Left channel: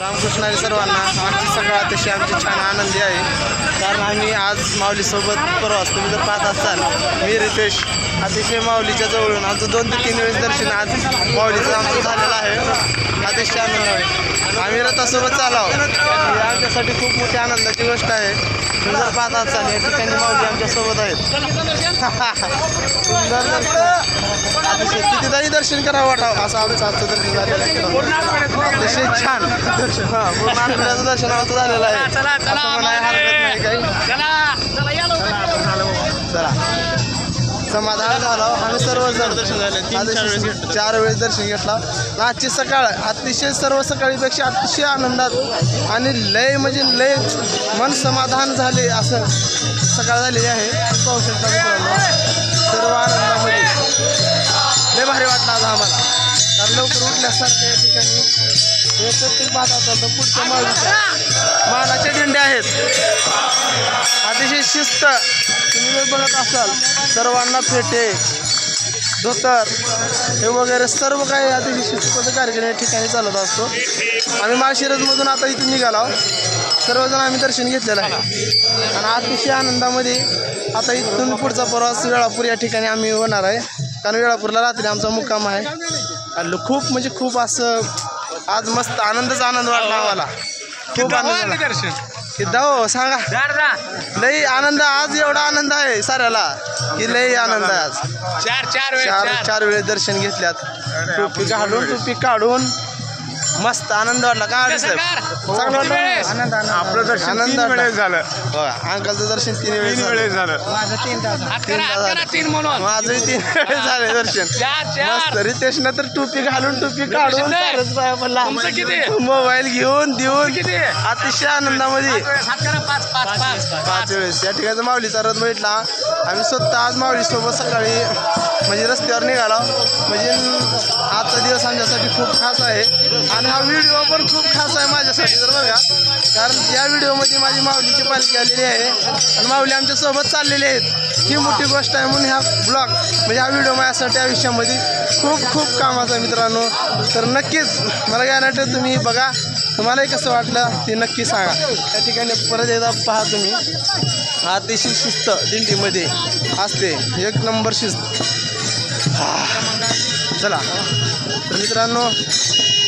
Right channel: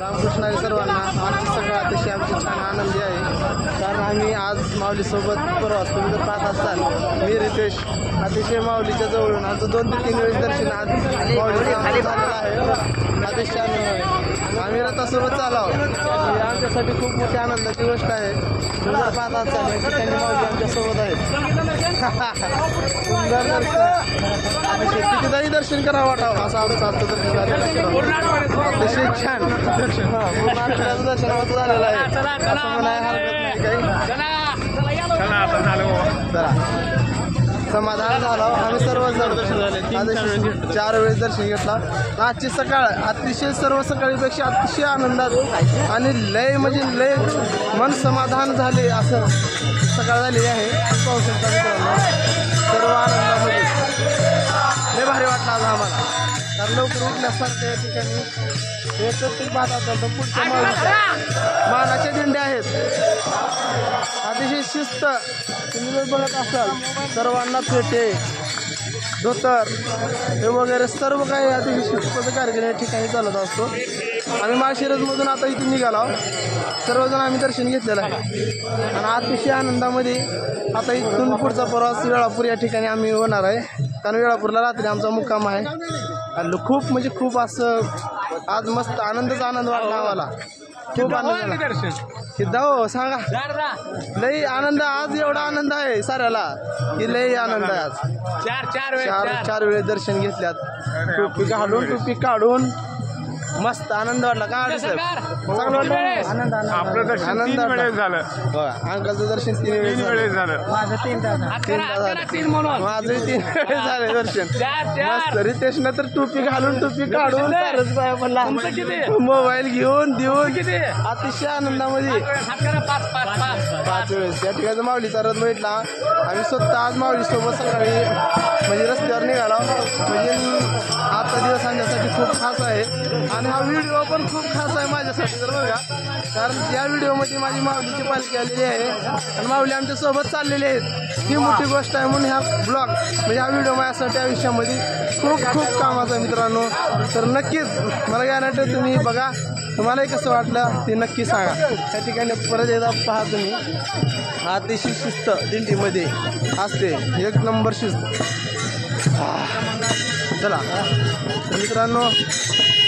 रामकृष्ण हरी सर्वांना. आजची सकाळ अतिशय आमची छान आनंदी आहे, कारण आम्ही आज माऊलीसोबत प्रवास तुम्ही जर पाहत असाल, मी रितेश अतिशय माऊलीच्या जवळून आमचं 2 ते 3 वेळेस दर्शन आज माऊलीचं आमचं झालेलं आहे. अतिशय आनंद आहे. आम्ही रथासोबत चालाव, ही आमच्यासाठी खूप मोठी आनंदाची गोष्ट आहे. तुम्ही जर पाहत असाल या ठिकाणी माऊली आमच्यासोबत आहेत. सुंदर दर्शन, अतिशय कितीदाही दर्शन करावं वाटावं असं आमचं आजचं दर्शन झालेलं आहे. अतिशय छान पूर्ण आठवड्याचं दर्शन आमचं झालेलं आहे, असं म्हणायला हरकत नाही काही. चला, समाधान झालं. आम्ही सर्वजण दर्शन झाले, 4 वेळेस दर्शन घेतला. आजची सकाळ अतिशय सर्व सकाळीपेक्षा अतिशय आनंदात आणि लय म्हणजे लय मन समाधान झाले असं सकाळ झालेली आहे. पाहू शकता मित्रांनो, सर्व आनंदामध्ये लय भारी वाटलं आज आम्हाला, कारण लवकर उठल्यासारखं या ठिकाणी हे प्रत्येक बात असेल तर पुढच्या माऊलीच्या मानाच्या दिंड्या आहेत. अतिशय शिस्त, तुम्ही जर बघत असाल सर्वांना फेटे धोतर हे वगैरे सर्व काही अतिशय शिस्तबद्ध कार्यक्रम या ठिकाणी चालत असतो. आम्ही माळशिरसमधून आता इथून निघालो, सर्वजण आम्ही दर्शन घेतलेलं आहे आणि अतिशय आनंदामध्ये आता इथून पुढचा प्रवास वेळापूर या ठिकाणी आम्ही होणार आहे, कारण वेळापूरला रात्री आमचा मुक्काम आहे. खूप म्हणजे खूप असं आज मस्त आनंद वाटला आम्हाला, खूप आनंद दर्शन किद्दा हो सांगा. लई आनंद आज, एवढा आनंद आहे साऱ्याला की लई आनंद आहे आज. चार वेळेस दर्शन घेतल्यात, टोपी घालून टोपी काढून मस्त आनंद वाटला. काय साहेब चांगलं वाटलं? आनंद वाटलं. अंकलचं दर्शन 3 वेळेस झालं, माझं 3 तास झालं, माझंही 3 वेळेस झाले दर्शन. मस्त. रितेशनं तर टोपी घालून टोपी काढून मोबाईल घेऊन देऊन अतिशय आनंदामध्ये 5 वेळेस या ठिकाणी माऊलीचा रथ भेटला. आम्ही स्वतः आज माऊलीसोबत सकाळी म्हणजे रस्त्यावर निघाला. म्हणजे आजचा दिवस आमच्यासाठी खूप खास आहे आणि हा व्हिडिओ पण खूप खास आहे माझ्यासाठी तर बघा, कारण या व्हिडिओमध्ये माझी माऊलीची पालखी आलेली आहे आणि माऊली आमच्यासोबत चाललेली आहेत. ही मोठी गोष्ट आहे म्हणून ह्या ब्लॉग म्हणजे हा व्हिडिओ माझ्यासाठी आयुष्यामध्ये खूप कामाचा आहे मित्रांनो. तर नक्कीच मला गॅरंटी तुम्ही बघा, तुम्हालाही कसं वाटलं ते नक्की सांगा. त्या ठिकाणी परत एकदा पहा तुम्ही, अतिशय शिस्त दिंडीमध्ये असते, 1 नंबर शिस्त. चला तर मित्रांनो,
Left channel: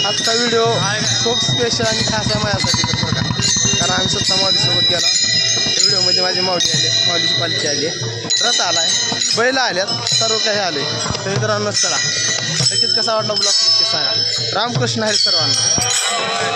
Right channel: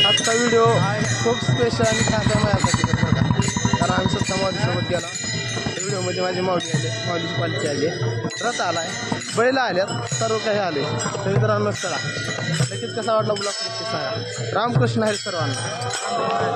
आजचा व्हिडिओ खूप स्पेशल आणि खास आहे माझ्यासाठी तर बघा, कारण आम्ही स्वतः माऊलीसोबत गेला. त्या व्हिडिओमध्ये माझी माऊली आली, माऊलीची पालखी आली, रथ आला आहे, बैल आल्यात, सर्व काही आले. तर मित्रांनो चला, नक्कीच कसा वाटला ब्लॉग नक्कीच सांगा. रामकृष्ण हरी सर्वांना.